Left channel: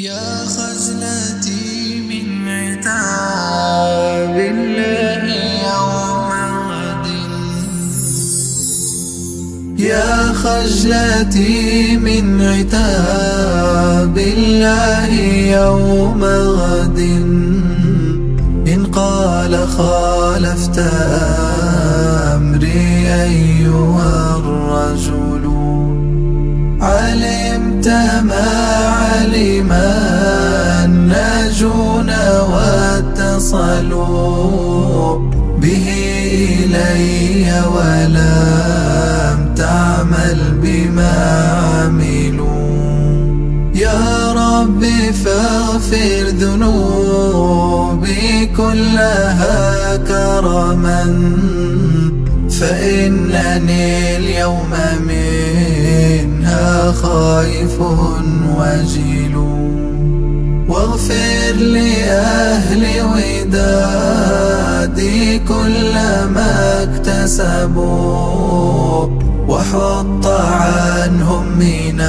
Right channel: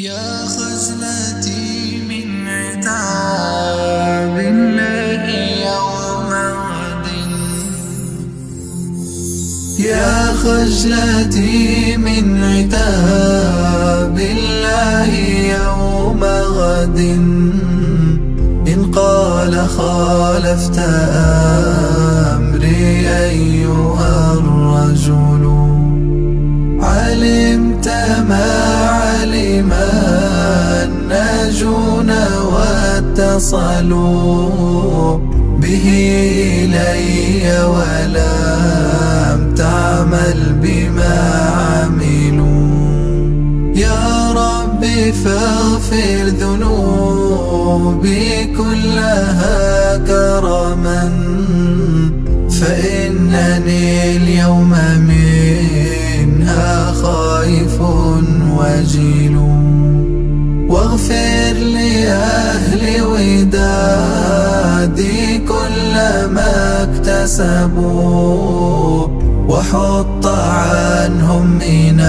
يا خجلتي من عتاب الله يوم غد، يا خجلتي من عتاب الله يوم غد، إن قال خالفت أمري أيها الرجل، علمت ما علم الناجون واتصلوا به إلي ولم تعمل بما عملوا. يا رب فاغفر ذنوبي كلها كرما، فإنني اليوم منها خائف وجيل. واغفر لأهل ودادي كل ما اكتسبوا، وحط عنهم من